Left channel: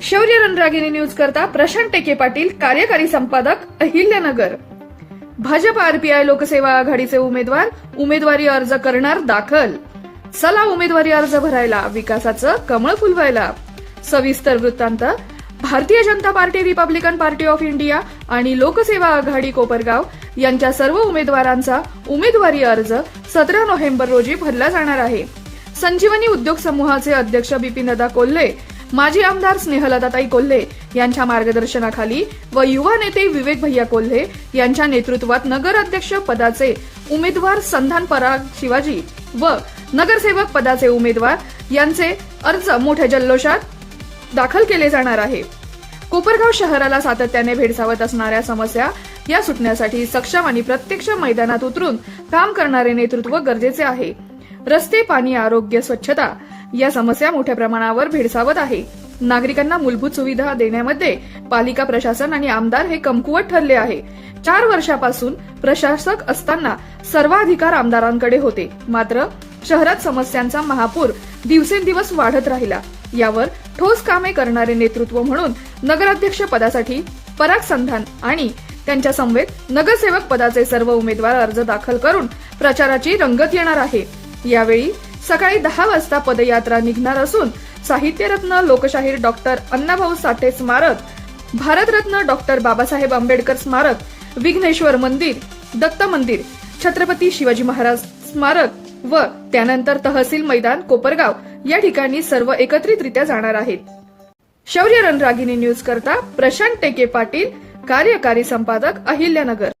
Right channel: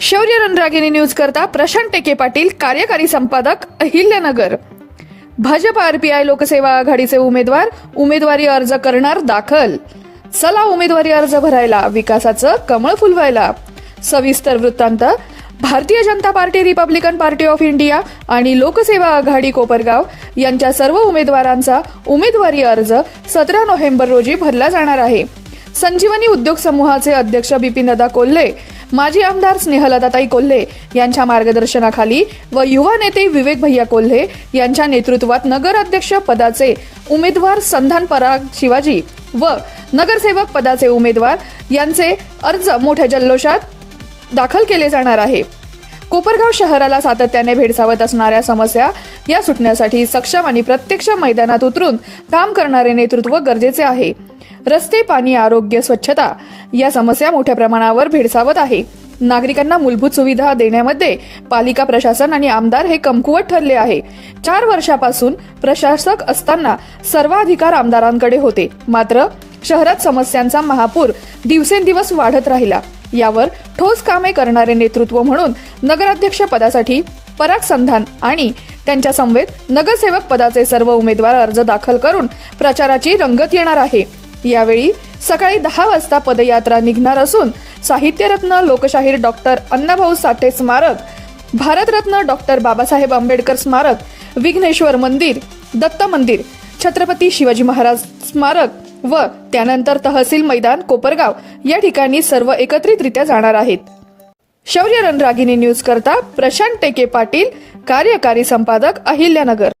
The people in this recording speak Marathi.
शौर्य रणरागिणी न्यूज करता प्रशांत टेके पाटील कार्यकारी संपादक अहिल्यानगर. भाजप आरपीआय लोकसेवा आघाडीचे उमेदवार उमेदवारी अर्ज करणार दाखल. चला उमेदवारी अर्ज भरायला विकासाचं कमळ फुलवायला. सविस्तर वृत्तांत. Bharatiya Janata party Republican party of India आणि लोकसेवा आघाडी कोपरगाव यांच्या सर्व उमेदवारांचा उमेदवारी अर्ज सतरा नोव्हेंबर रोजी भरला जाणार आहे. संजीवनी उद्योग समूहाचे अध्यक्ष बिपिनदा कोल्हे माजी आमदार स्नेहलताताई कोल्हे यांच्या मार्गदर्शनाखाली व युवा नेते विवेक भैया कोल्हे यांच्या नेतृत्वात नगराध्यक्ष पदाचे उमेदवार संधान पराग शिवाजी व नगरसेवक पदाचे उमेदवार यांचे अर्ज मोठ्या जल्लोषात दाखल केले जाणार आहे. कोपरगाव शहराला सातत्याने भेडसावत असणाऱ्या समस्या या सुटण्यासाठी सक्षम आणि प्रत्यक्ष मैदानात उतरून काम करणारे नेतृत्व गरजेचे आहे. रस्ते पाणी आरोग्य स्वच्छता या समस्या मोठ्या प्रमाणावर भेडसावत आहे. नागरिकांना मूलभूत सुविधा देण्यामध्ये पालिका प्रशासन आणि आमदार हे कमकुवत ठरले आहे. चार वर्षापासून प्रशासक असताना सर्वाधिकार आमदारांकडे होते. मात्र शहरात समस्यांचा महापूर दिवसेंदिवस वाढत राहिला. यावर ठोस कामे करणारे नेतृत्व म्हणून नगराध्यक्ष पदासाठी पराग संधान आणि त्यांच्या समवेत नगरसेवक पदाचे सर्व उमेदवार अर्ज दाखल करून प्रचाराची रंगत येणार आहे. यावेळी सकाळी दहा वाजता पदयात्रा निघणार असून साहित्यरत्न लोकशाहीर डॉक्टर अण्णाभाऊ साठे स्मारक भारतरत्न डॉक्टर बाबासाहेब आंबेडकर स्मारक विघ्नेश्वर मंदिर दत्त मंदिर छत्रपती शिवाजी महाराज स्मारक व त्यानंतर तहसील मैदान कोपरगाव या ठिकाणी सर्व एकत्रितरित्या जाणार आहेत. शौर्य रणरागिनी न्यूज करता प्रशांत टेके पाटील कार्यकारी संपादक अहिल्यानगर.